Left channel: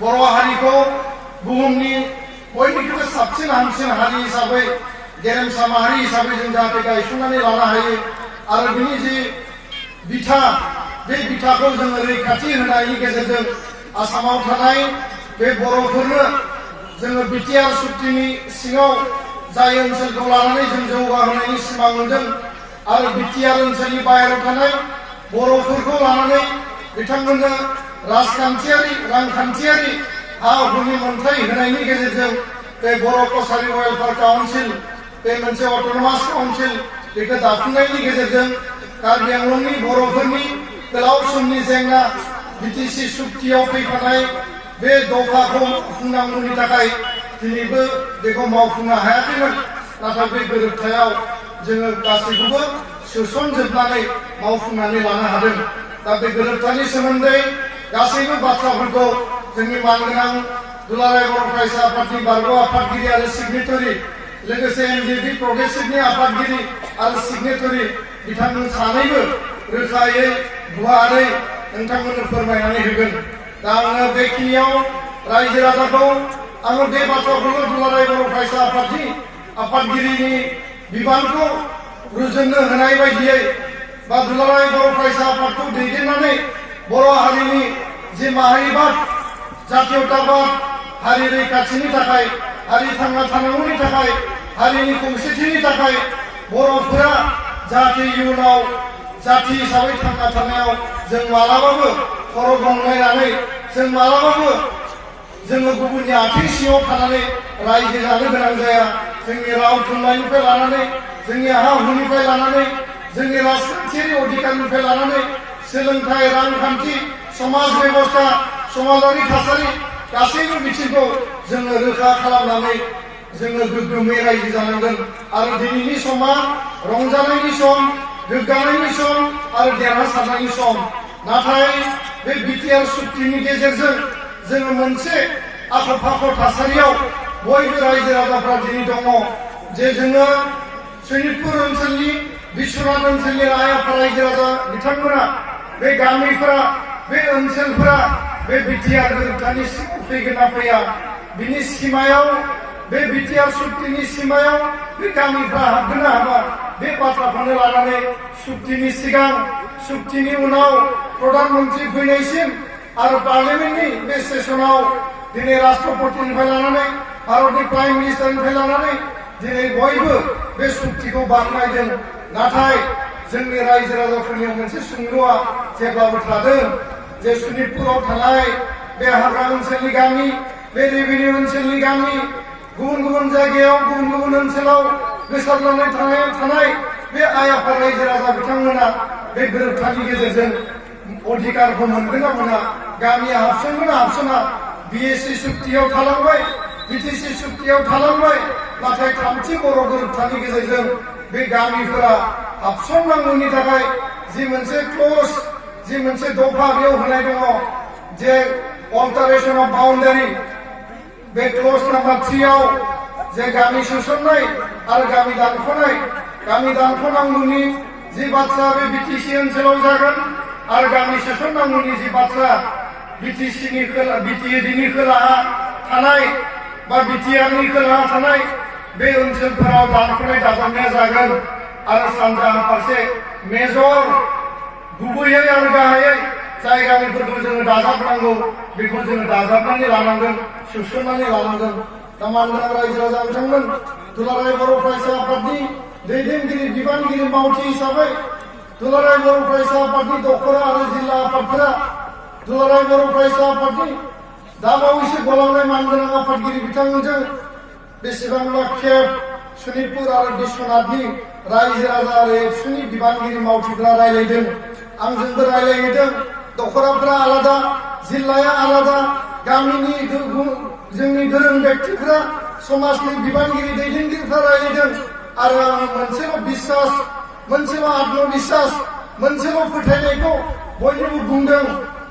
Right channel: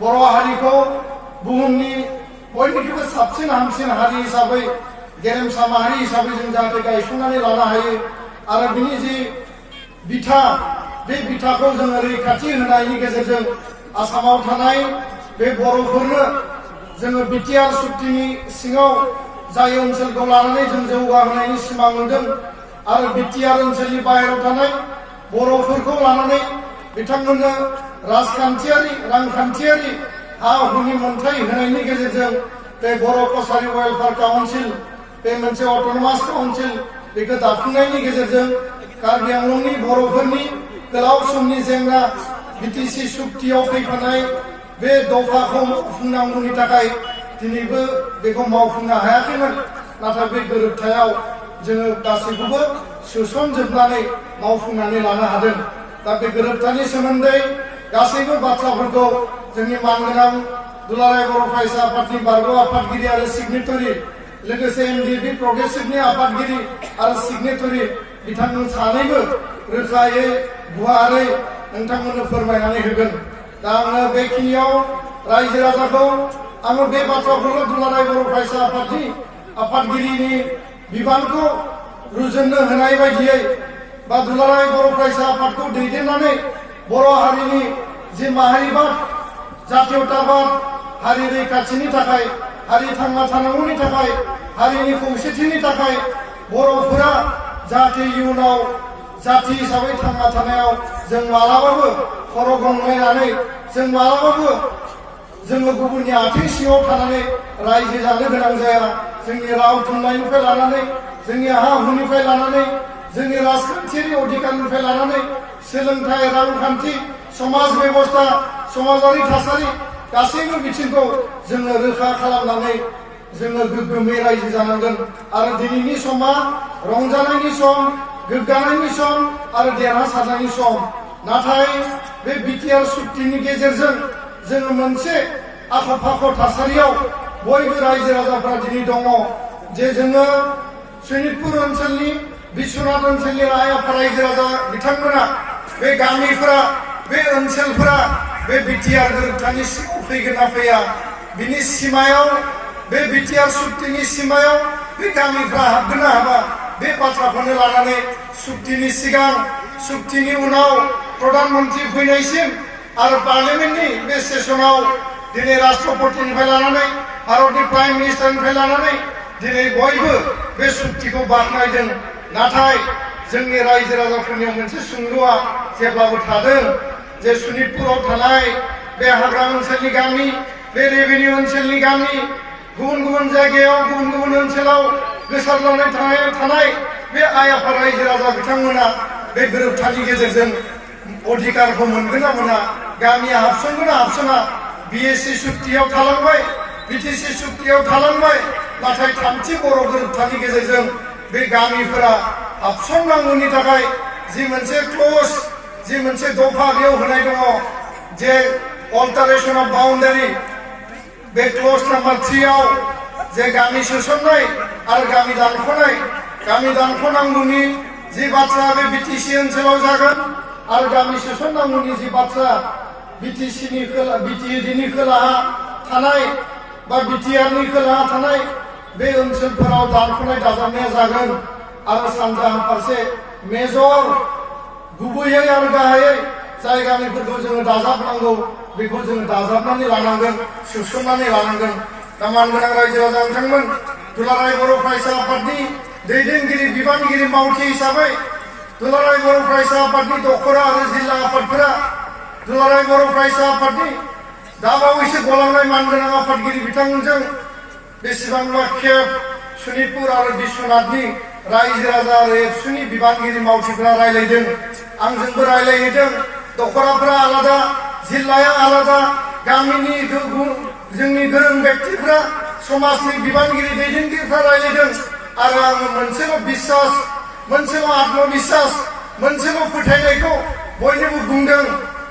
बर' हारिखौ बुहुमनि बयनिख्रुइबो साबसिन हामसिन हारि हिसाबै गेरेमसा माहारि हिसाबै जों जाहाथे गायसननानै लानो हायो आरो बिनि जि बिथा बे बिथाखौ जोङो रैखाथि होनायनि गेजेरजों आसामाव थानाय बे बर'फोरनो जोङो बिटिआर सुक्तिनि सिङाव जाय ओनसोलखौ लानानै जों जौगाहोनायनि सिमां नुदों आरो बिटिआर ओनसोलनि बाहेरायाव थानाय बर'फोरखौ लानानै बिथांमोननो राजखान्थियारि रांखान्थियारि हा हुनि मोनथाय होनायनि गेजेरजों बे बर' कसारि वेलफेयार काउन्सिल बे मोनसे अट'नमास काउन्सिल बेखौ दाफुंनायनि गेजेरजों कार्बि आंलंनि बर'फोरनि गोलाव समनि जेंना बिटिसि सुक्तियाव फैफानाय बे दफाखौ मावफुंनांगौनि थाखाय दिनैबो बेखौ मावफुंनो हायाखैमोन नाथाय बे गोरोबथायाव जोङो गासैखौबो सोसनजोबनानै मावफुंनानै लानो हादों। दा बे गोरोबथानि सोमोन्दै गासैबो बाथ्राफोरखौ जोंनि मानगोनां दुलाराय बर' फरायसा आफादनि बारग' आफादगिरि आरो सिगनेटरि लोगोसे एनडिएफबि प्रग्रेसिभनि आफादगिरि आरो सिगनेटरि बिथांमोन सानैबो रोखायै गुवारै नोंथांमोननो फोरमायनानै होगोन। दा आङो बेखिनियाव रायजो राजाखौ आङो बे बाथ्राखौल' दुलाराय बर' फरायसा आफादनि आफादगिरिनि बिबानखौ रुजुननो होनाय बायदियै बा दुलाराय बर' फरायसा आफादखौ दैदेननानै बर' हारिनि जि माहारिबाद जातीयताबाद हारि रैखाथिनि थाखाय हारि थांना थानांगौनि थाखाय हारिनि खौसेथिनि थाखाय बर'फोरा जाहाथे इयुनाव जाति हिसाबै थांना थानायाव जों मालाबाबो खर' गंलायनानै जों मालाबाबो जोङो गुबुननि आथिं सिङाव थानानै रायजो जानो गोनां जाया। जोंनि राव थुनलाइनिफ्राय लानानै जोंनि हा हुनिफ्राय लानानै जोंनि राजखान्थियारि अधिकारनिफ्राय लानानै सोलोंथाइ रांखान्थि समाज बेबस्था समाजारि थासारि गासैबो बिथिंखौ जोङो रोखा खालामनानै जोङो गोग्गोमै रायजो जानांगोन आरो दिनैनि समा रंजानायनि सम गोग्गानायनि सम आरो देरहासारनायनि सम। नाथाय बे बिटिआर सुक्तिनि गेजेरजों जोङो मोनसे आख' फाख' थासारियाव बयबो रायजो राजाफ्रा दिनै दङ जे जोङो सनितपुर ओनसोलनि बिश्वनाथ ओनसोलनि राय आफा रायजो राजा बिथांमोना बे गामिफोरा बे ओनसोलफोरा बे बिटिआर गोरोबथानि सिङाव फैगोन ना फैया बिनि सिमायाव बे बिटिआर सुक्तिनि सिमायाव बे गामिफ्रा हाबगोन ना हाबा बे बाथ्राखौनो लानानै सुक्तिनि सिगां सुक्तिनि उनाव प्रधान मन्त्रि फैनायसिम आरो पार्लियामेन्टनि बे सेसनाव दिनै राष्ट्रपतिनिफ्राय लानानै भारतनि प्राइम मिनिस्टारनिफ्राय लानानै दिनै बयबो बे सुक्तिखौ बाख्नायदों। नाथाय जोंनि रायजो राजाफोरनियाव मोनसे सोंलुआ जेब्लाबो थादों जे सनितपुराव थानाय बे हाग्रा ओनसोलनि गामि बे रेभिनिउ ओनसोलनि गामि गुबुन गुबुन जायगायाव गुबुन गुबुन ओनसोलाव गोसारनानै थानाय बे आइ आफा रायजो राजा बिथांमोना बे गोरोबथानि गेजेरजों अधिकारखौ मोनगोन ना मोना गामिया हाबसनगोन ना हाबसना बिएसि सुक्तियाव थालांबाय बिटिसि सुक्तियाव थालांबाय नाथाय थामथि बर' गोरोबथानि गेजेरजों बे गामिफोरा हाबसननांगौनि थाखाय जि मोनसे क्लज जि मोनसे दफा बेयाव होनाय दङ जे अल्टारेशन अफ बाउन्डारि बे क्लज नाम्बार 3 आव जे गामि सोसननाय आरो गामि दानख'नांगौनि जि बाथ्रा बे बिटिसि ओनसोलाव जागोन आरो गामि सोसननांगौनि जि बाथ्रा बिटिएडिनि खोलाहा थानाय बा बिटिआरनि खोलाहा थानाय बे ओनसोलफोराव दानख'नाय दाजाबनाया जागोन आरो सानजाहा फारसे मेजर गुबैयै आरो गाहायै जाय गामिफोरखौ जोङो दाजाबनांगौ बेखौ जोङो दाजाबनानै लानांगोन सोसननानै लानांगोन। दा मानगोनां रायजो राजा बिथांमोन दुलाराय बर' फरायसा आफादनि दैदेनगिरि बिबानगिरि मावथि हिसाबै दुलाराय बर' फरायसा आफादनि दखरा आरो जिल्ला आफादफोरा दुलाराय बर' फरायसा आफादनि दाबावैसो गलांनाय मानगोनां आफादगिरि बिथांजों बेसेबांबा खेब सनितपुर आरो बिश्वनाथनि रायजो राजा आरो एबसुनि बिबानगिरि मावथिफोरा रायलायदों आंजोंबो रायलायहैदों। दखराफोरा आलादा जिल्लाया आलादा गामिनि जोंनि गोरों व्यक्तिफोरा समाजनि बिबानगिरि दैदेनगिरिफ्रा रायलायदों आरो आङो मोनसेल' बिश्वास मोनसेल' आत्मबिश्वास मोनसेल' फोथायनायखौ बयनोबो बुंदों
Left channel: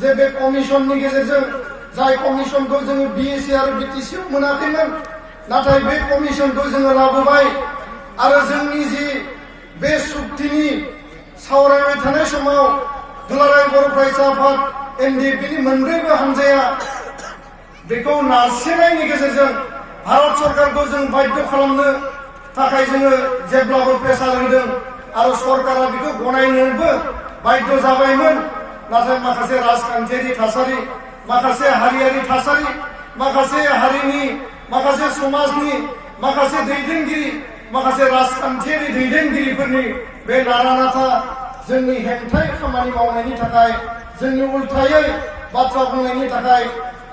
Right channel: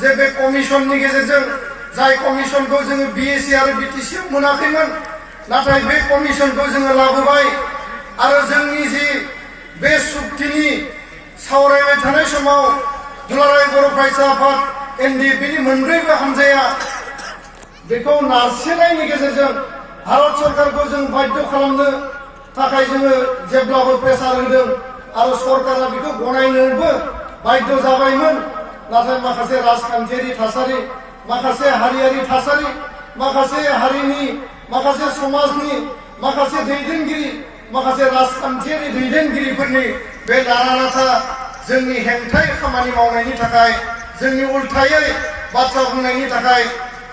जे बे कमिसननि गेजेरजों जाय कमिसनखौ जोङो बिएसि आरो बिटिसिआव मोनाखैमोन नाथाय बे कमिसनखौ जोङो लाबोबाय आरो जोंनि जि बे सुक्तिनि सावरायबाय थानाय समाव दुलाराय बर' फरायसा आफाद एनडिएफबिनि मोनब्रैबो हानजाया बेखौ नारसिननायनि गेजेरजों भारत सरकारखौ जों बाध्य खालामनो थाखाय जोङो जेब्लाबो प्रेसार होदों आरो सरकारा बेखौ गनायनोबो बाध्य जाबायमोन। नाथाय माखासे राजखान्थियारि थासारि, माखासे हारियारि थासारि, माखासे हारिनि, माखासे समाजनि, माखासे दैदेनगिरि, माखासे राजखान्थियारि दैदेनगिरिफोरनि बे नारा-नाथा जोंनि हेंथायै खामानि मावनायनि थाखाय, जोंनि उल्थायै बाथ्रा बुंनायनि थाखाय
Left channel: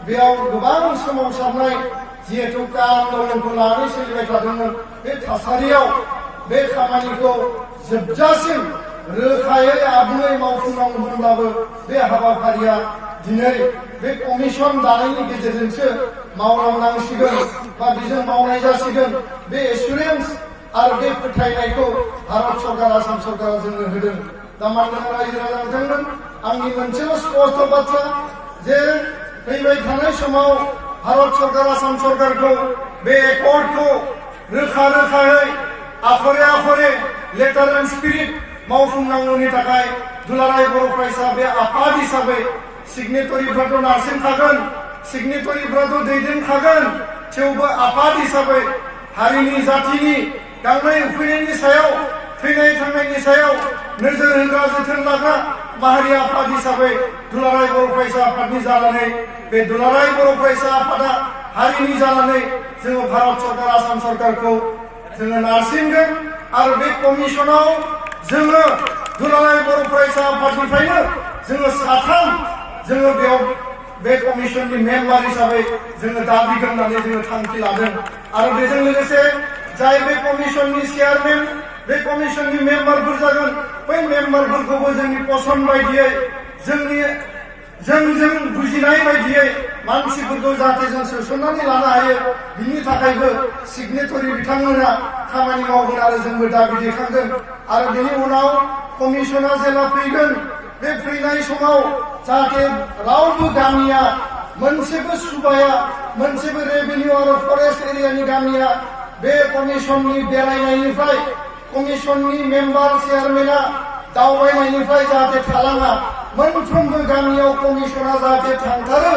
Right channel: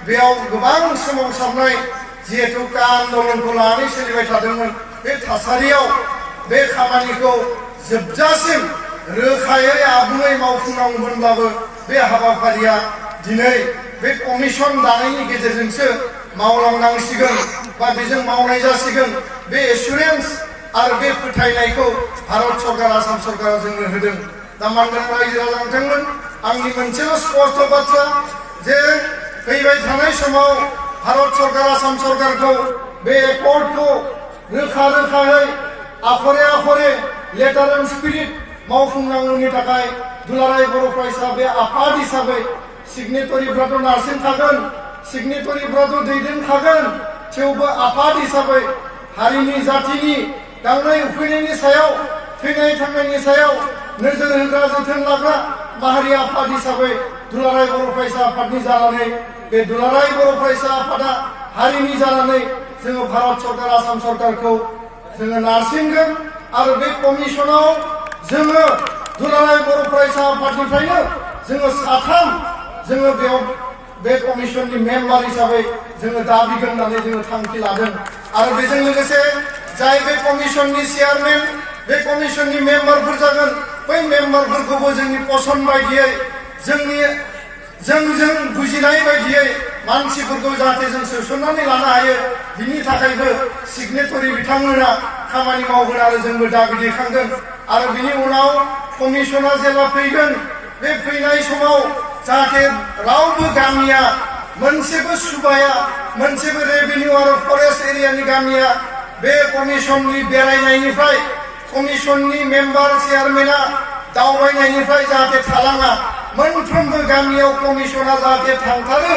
बेयाव गोबां सोमावसारनाय जिहेतु आन्दलनखौ लानानै सोलिबाय थादोंमोन। बे थासारियाव बे खामानिखौ जोबजासिम रोखायै आबुङै मावफुंनांगौमोनब्लाबो बे हाबाफारिया दिनै बे कमिसन दानायनि गेजेरजोंसो मावलांनांसिगोन बा बेजों मावनाय जासिगोन। बे एसुरेन्स आरो बे फोथायनायखौ भारत सरकार, आसाम सरकारा जोंनो होदों। दा मानगोनां रायजो राजा नोंथांमोन, आंनि मोनसेल' स्पष्ट बाथ्रा जे फैबाय थानाय समाव भारत सरकार, आसाम सरकारखौ बे एकर्डखौ रोखा रोखायै Akhare Akhare letter and spirit मावफुंनांगौनि थाखाय दुलाराय बर' फरायसा बे आफाद हिसाबै सिगनेटरिफ्राथ' नारसिनखागोन, सिगनेटरिफ्राथ' दैदेनखागोन, थेवबो आफाद हिसाबै हारिनि जातिनि गांनाय उखैनायनि सायाव, थैनाय थांनायनि सायाव नोजोर होग्रा, जोथोन लाग्रा माहारि आफाद हिसाबै दुलाराय बर' फरायसा आफादनि जानानै बे दुलाराय बर' फरायसा आफादा हारिनि जानानै जोङो भारत सरकार, आसाम सरकारखौ जोङो नारसिनगोन आरो बे कमिसनाव जोङो दुलाराय बर' फरायसा आफादनिफ्रायनो जोङो साथाम जोङो बेयाव बे कमिसननि मेम्बार हिसाबै जोङो दाबिगोन होननानै जोङो थांखि लादों। आरो बेजों लोगोसे जाय बे कमिसननि चेयारमेन, बे कमिसननि मेम्बारफोर जागोन, बै मेम्बारफोरखौबो जोंनि पसन बायदियै, जोंजों बुजिनाय बायदियै मानसिफोरखौ जाहाथे जों सोसननानै लानो हायो, बिनि थाखायबो सिगनेटरि बिथांमोना खामानि मावगोन आरो जोंबो दाबि दैखांगोन। आरो बिनि उनाव कमिसना जेब्ला फैगोन, बे फैनाय समाव जाहाथे रावबो गामिया, मोनसेबो सुबाया, मोनसेबो रेभिनिउ आरो फरेस्ट एरियानि गामिया बे कमिसननि बेरायनायनिफ्राय, कमिसननि मेम्बार चेयारमेना दावबायनायनिफ्राय जाहाथे थालाङा। मोनफ्रोमबो गामियाव कमिसना जाहाथे थांथारो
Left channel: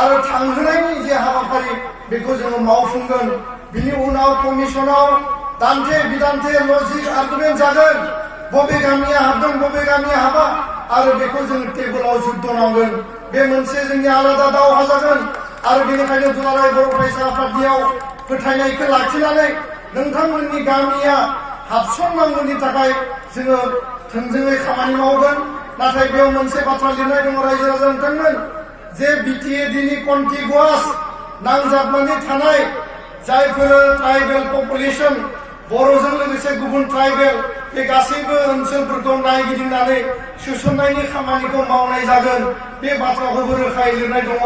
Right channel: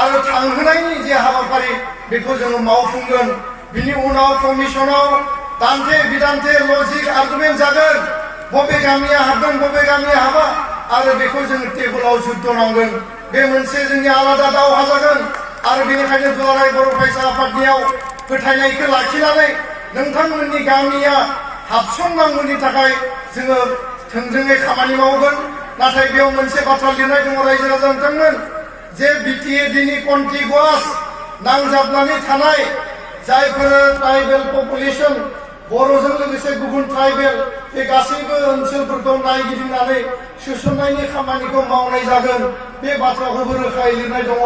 आरो थांहोनायनि जे हाबाफारि बेखौ जोङो मावफुंगोन। बिनि उनाव कमिसनाव दान्थे बिदान्थे लजिक आर्गुमेन्ट जागोन, बबे गामिया हाबगोन, बबे गामिया हाबा, आरो बेखौ जोङो टेबोलाव जुद्ध नांगोन। बे मोनसे जोंनि आलादा दावहा जागोन। आरो बेनिखायनो दुलाराय बर' फरायसा आफादनियाव फोथायनायखौ लाखिनानै नोंथांमोननि गामिया हाबसननांगौनि थाखाय जोङो थोंजोङै खामानि मावगोन। नाथाय बेयाव मोनसे बाथ्रा लिरनाय दङ रायजो राजा नोंथांमोन, जे बिटिएडिनि कन्टिगुवास नांजाबनानै थानाय जायफोर ट्राइबेल पपुलेसन, बर'जों लोगोसे गुबुन ट्राइबेल, बे गासैबो ओनसोलफोरखौ नायगिदिंनानै सोसननायनि खामानिखौ मावनाय जागोन। बे बाथ्राखौबो रोखायै लिरनाय दङ।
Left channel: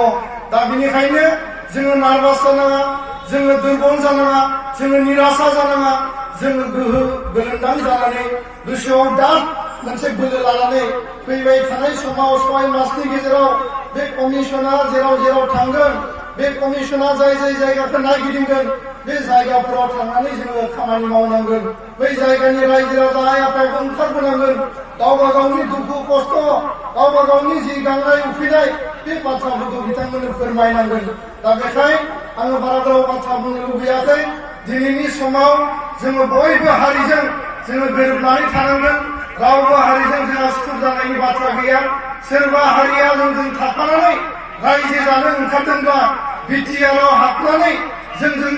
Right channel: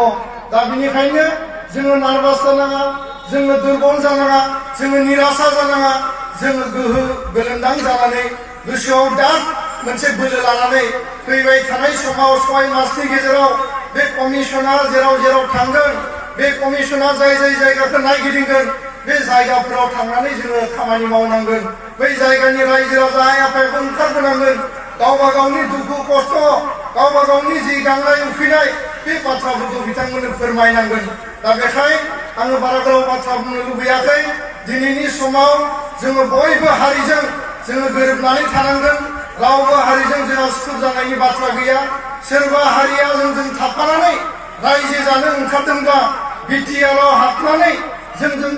दा बेनिखायनो जोङो नार्भास जानाङा, जोङो दुरबल जानाङा, जोङो निराशा जानाङा, जोङो गोहो गोलोमदां जानानै गोसोआव दाद मोनसे बोलो लानानै फैबाय थानाय समाव 6 मासनि गेजेराव बे कमिसना जेराव जेराव थांगोन, बे कमिसना जाय जाय जायगाखौ नायगिदिंगोन, बे जायगाफोराव थांनानै जोङो खामानि मावनांगोन। बै जायगानि रायजो राजा आइ आफायाबो ओंखारबोनांगोन। गावबा गावनि दुखु खस्थ, गावबा गावनि जि गांनाय उखैनाय, बे बाथ्राफोरखौ बिथांमोननो फोरमायनांगोन। दा बेखाय आङो बारा गोलाव बाथ्रा बुंनो लुबैयाखै। दिनैनि समाव जोङो बयबो हारिजों जोङो गोरोबनानै थानांगोन। रावबो हारिजों जोंहा सुथुर जानायनि बाथ्रा गैया। सोरबा हारिया जोंजों थाफानानै रायजो जानो ओंखारदोंब्ला, बिटिआरआव हाबनानै जोंजों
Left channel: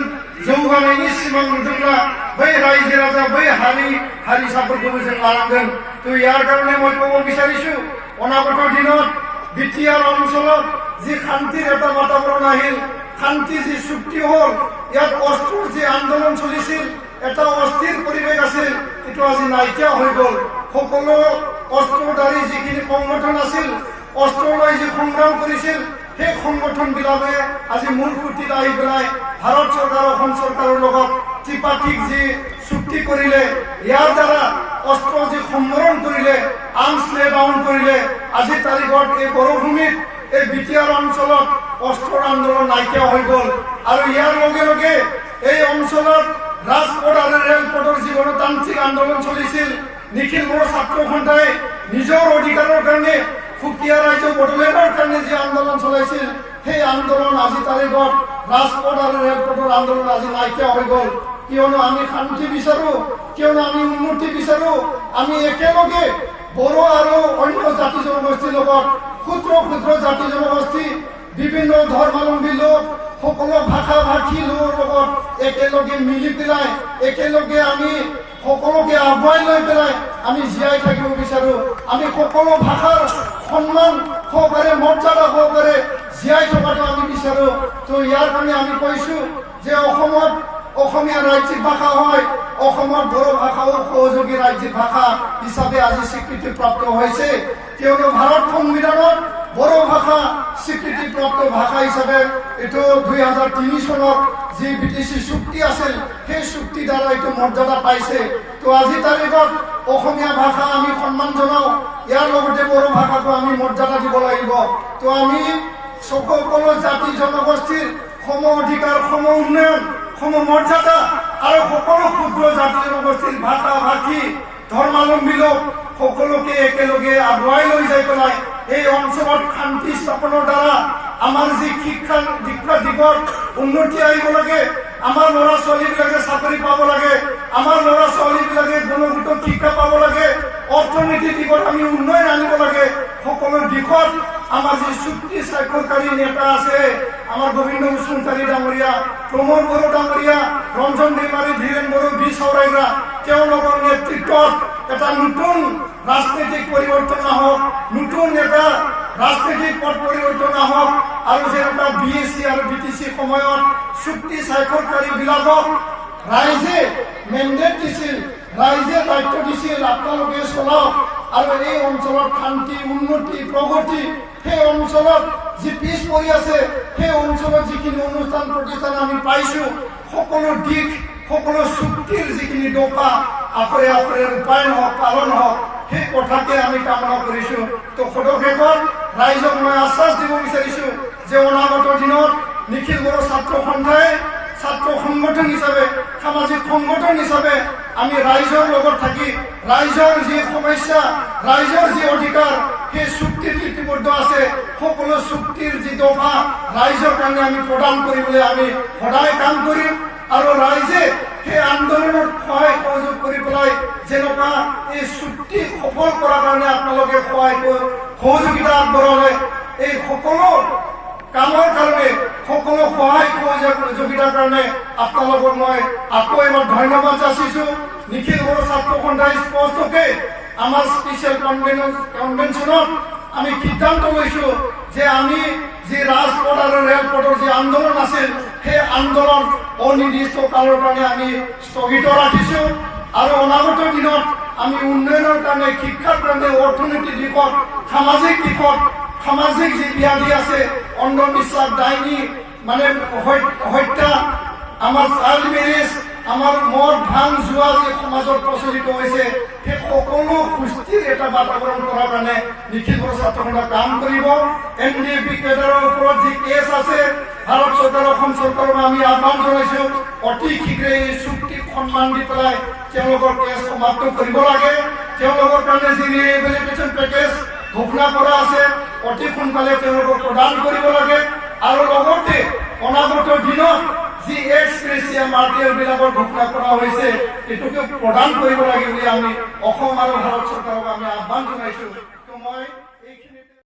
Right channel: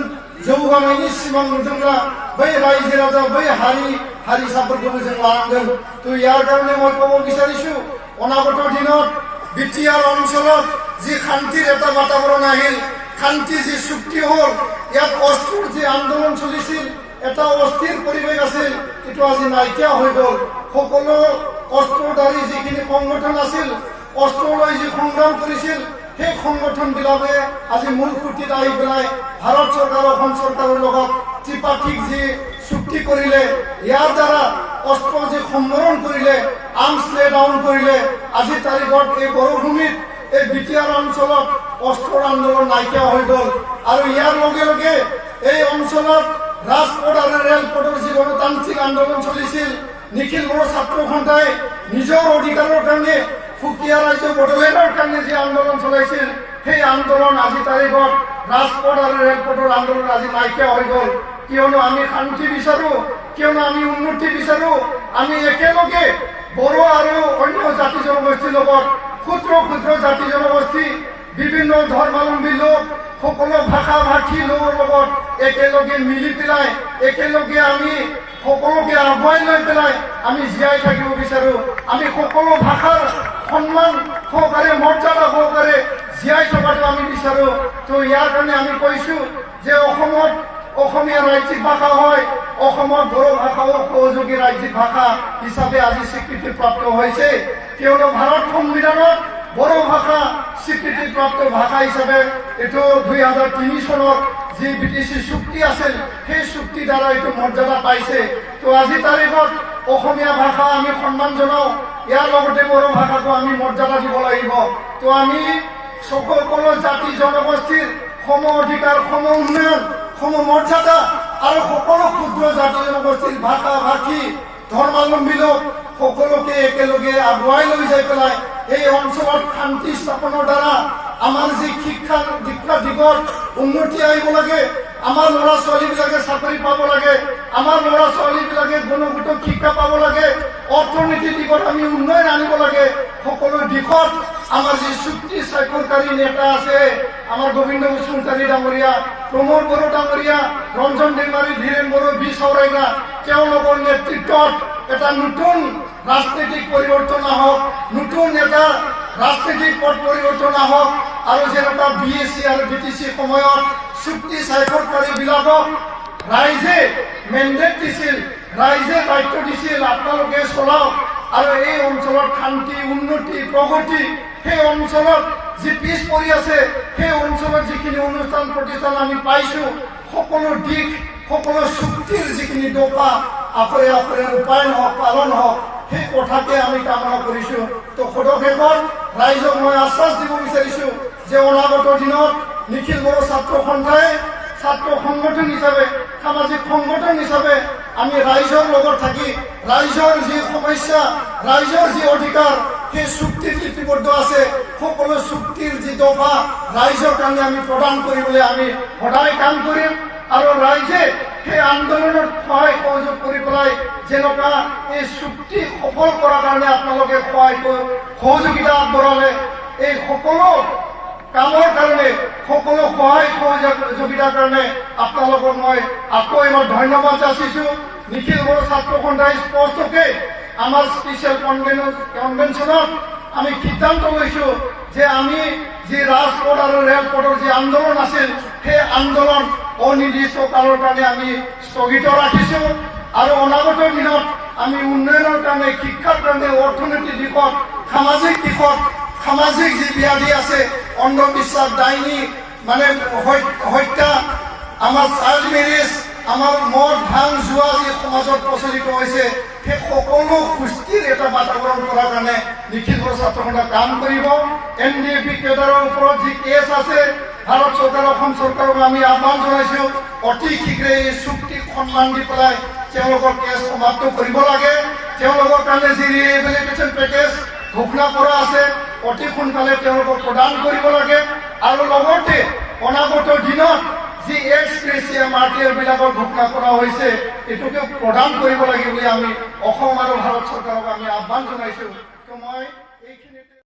जौगानायनि सिमां नुदोंब्ला, बै रायजो राजा, बै हारिसाफोरखौबो जों लानांगोन। তো ইয়াৰ কাৰণে মই ক'ব বিচাৰিছো, অনাগত দিনত বিটিআৰ অঞ্চলত যি শান্তিৰ এটা বাতাবৰণ আহিল, শান্তি যি চুক্তি হ'ল, ইয়াত অস্ত্ৰৰ যি আন্দোলন চলিছিল, এটা অস্থিৰ পৰিৱেশ আছিল, এইটো আজি নাইকিয়া হৈ গ'ল। সকলো অস্ত্ৰধাৰী যিখিনি সংগঠন আছিল, অস্ত্ৰ লৈ যি সংগ্ৰাম কৰিছিল, সেই সংগঠনবিলাকে আজি মূল খুঁটিত আহি পেলাই ভাৰত চৰকাৰ, অসম চৰকাৰৰ লগত ত্ৰিপাক্ষিক যি চুক্তি কৰিলে, ইয়াৰ দ্বাৰা অস্ত্ৰ যি সম্বৰণ কৰিলে, আৰ্মছ লে ডাউন কৰিলে, আজিৰ তাৰিখত এই বড়োভূমিত, এই বিটিআৰ অঞ্চলত অস্ত্ৰৰ আন্দোলন নাইকিয়া হৈ গ'ল। আৰু ইয়াৰ লগে লগে এই অঞ্চলত ৰাজপথ আৰু ৰেলপথৰ যি গণতান্ত্ৰিক আন্দোলন চলিছিল, নিখিল বড়ো ছাত্ৰ সন্থাই নিজৰ অধিকাৰৰ কাৰণে, সুকীয়া ৰাজ্য বড়োলেণ্ডৰ কাৰণে যি আন্দোলন চলাইছিল, সেই আন্দোলন আজি তাৰিখত ৰাজপথ আৰু ৰেলপথৰ আন্দোলন আজি নাইকিয়া হৈ গ'ল। কিয়নো আমি শান্তি বিচাৰো, কিয়নো আমি উন্নতি বিচাৰো। আমি একেলগে বড়ো আৰু অন্য জাতি জনগোষ্ঠীৰ লগত ক্ষুদ্ৰ ক্ষুদ্ৰ জাতি জনগোষ্ঠী, বিভিন্ন ধৰ্মাৱলম্বী লোক, সকলো ভাষা ভাষী লোকৰ লগত একেলগে মিলি পেলাই একেলগে আমি সকলোকে আগুৱাই লৈ পেলাই আমি জীয়াই থাকিব বিচাৰো। আমি সকলো ভাষাৰ সন্মান সহকাৰে, মৰ্যাদা সহকাৰে জীয়াই থকাটো আমি বিচাৰো। তো ইয়াৰ কাৰণে আমি কৈছো যে অসমত অসমীয়া ৰাজ্যিক ভাষা হয়, অসমত বড়ো ভাষাও সহযোগী ৰাজ্যিক ভাষা হিচাপে আজি স্বীকৃতিপ্ৰাপ্ত হৈছে। কিয়নো ভাৰত সংবিধানত বড়ো ভাষা স্বীকৃতিপ্ৰাপ্ত ভাষা হিচাপে এইটো 2003 চনত যি BTC চুক্তি আছিল, সেই চুক্তি দ্বাৰা এইটো মৰ্যাদা পাইছে। তো আজি তাৰিখত অসমীয়া ভাষা আমি সন্মান জনাওঁ, ইয়াৰ লগতে বড়ো ভাষাকো আমি মৰ্যাদা দিব লাগিব। তো আমি সকলো জাতি জনগোষ্ঠীৰ সম অধিকাৰ, সম উন্নয়ন, সম মৰ্যাদা আৰু সকলো ক্ষুদ্ৰ জাতি জনগোষ্ঠীৰ ভাষা ভাষী ধৰ্মাৱলম্বী লোক সকলোকে একেলগে আগুৱাই লৈ যাই পেলাই এই অঞ্চলত শান্তি স্থাপনৰ দ্বাৰা আমাৰ যি শিক্ষা দীক্ষা দিগত উন্নতি আহিব লাগে, আমাৰ ল'ৰা ছোৱালীবিলাকে চাকৰি পাব লাগে, আমাৰ ল'ৰা ছোৱালীবিলাকে গুণগত শিক্ষা পাব লাগে, অৰ্থনীতিৰ দিশত আমি উন্নয়ন আনিব লাগে। সকলো দিশত আমাৰ যি চুক্তি স্বাক্ষৰকাৰী নেতা আছে, আমাৰ গোবিন্দ বসুমতাৰী ডাঙৰীয়া, প্ৰমোদ বড়ো ডাঙৰীয়া, ৰঞ্জন দৈমাৰী, ধীৰেন বড়ো, বি চৌৰাইগা, তেওঁলোকৰ নেতৃত্বত এটা নতুন ৰাজনৈতিক পৰিৱৰ্তন আহক, নতুন এটা ৰাজনৈতিক পথ পৰিৱৰ্তন আহক। আৰু যেনেকুৱা BSc আৰু BTC সময়ত চুক্তি স্বাক্ষৰকাৰীবিলাকক ৰাইজে মেণ্ডেট দিছিল, ৰাইজে দায়িত্ব দিছিল, আপোনালোকে চলাওক আৰু এই অঞ্চলত শান্তি, উন্নতি, প্ৰগতি, সেই অঞ্চলত যি পিছ পৰি আছে, সেই অঞ্চলত যিখিনি অনুষ্ঠান প্ৰতিষ্ঠান আমি পাইছো, সকলো দিশ, সকলো চুক্তিৰ যিখিনি দফা আখৰে আখৰে ৰূপায়ণ হওক, পালন হওক, সেই কথাকে আমি কামনা কৰিছো। তো সদশেষত ৰাইজক মই আশ্বাস দিব বিচাৰিছো যে অনাগত দিনত নিখিল বড়ো ছাত্ৰ সন্থাই ছাত্ৰ সংগঠন হিচাপে, সামাজিক সংগঠন হিচাপে আমি ৰাইজৰ লগত থাকি ৰাইজৰ যি সমস্যা, ৰাইজৰ যি অধিকাৰ, সেই চুক্তিত লিপিবদ্ধ আছে, সকলো চুক্তিৰ যি দফা ৰাইজৰ কাৰণে আমি প্ৰদান কৰিবলৈ আমি সদায় কাম কৰিম। আৰু ৰাইজে সেই আন্দোলনত সহায় সহযোগ কৰি পেলাই যেনেকুৱা এই চুক্তি সফল কৰাৰ কাৰণে আপোনালোকে সহযোগিতা আগবঢ়ালে, এই সকলো কামৰ কাৰণে, সকলো সহায় সহযোগিতাৰ কাৰণে আপোনালোকক মই আকৌ এবাৰ ধন্যবাদ যাচিছো। নিখিল বড়ো ছাত্ৰ সন্থাই স্পষ্টকে আমাৰ স্পেচিয়েল কনভেনশ্যনত আমি সিদ্ধান্ত লৈছো যে আমি যি ৰাজপথ আৰু ৰেলপথৰ যি আন্দোলন আছিল, সেই আন্দোলন অনিৰ্দিষ্ট কালৰ কাৰণে আমি স্থগিত ৰাখিছো। আৰু অনাগত দিনত আমি উন্নয়নৰ কাৰণে, শিক্ষাৰ কাৰণে, অৰ্থনৈতিক দিশত, সামাজিক দিশত, সামাজিক যি ব্যাধি আছে, অন্ধবিশ্বাস, ডাইনী মানে হত্যা, আমাৰ চাইল্ড মেৰেজ, আমাৰ মদ ভাং জুৱা যি সমাজত প্ৰচলিত হৈছে, সেই সকলো সুস্থিৰ এটা বাতাবৰণ কৰাৰ কাৰণে নিখিল বড়ো ছাত্ৰ সন্থাই কাম কৰিব। NDAP কেডাৰৰ ওপৰত যি কেছ আছে, ভাৰত চৰকাৰ, অসম চৰকাৰক আমি আহ্বান জনাইছো অতি শীঘ্ৰে এই চুক্তিক সন্মান দি পেলাই তেওঁলোকৰ কেছ সমাপ্ত কৰিব লাগে। তেওঁলোকৰ কাৰণে যি ৰিহেবিলিটেশ্যন পেকেজ ঘোষণা কৰা আছে, অতি সোনকালে তেওঁলোকক প্ৰদান কৰিব লাগে। আৰু লগতে অনাগত দিনত যি এক্স গ্ৰেচিয়া মাৰ্টিয়াৰবিলাকৰ ঘোষণা কৰা হৈছে, এইটোকে প্ৰদান কৰিব লাগে বুলি আমি অসম আৰু ভাৰত চৰকাৰক আমি আহ্বান জনাইছো। তো মই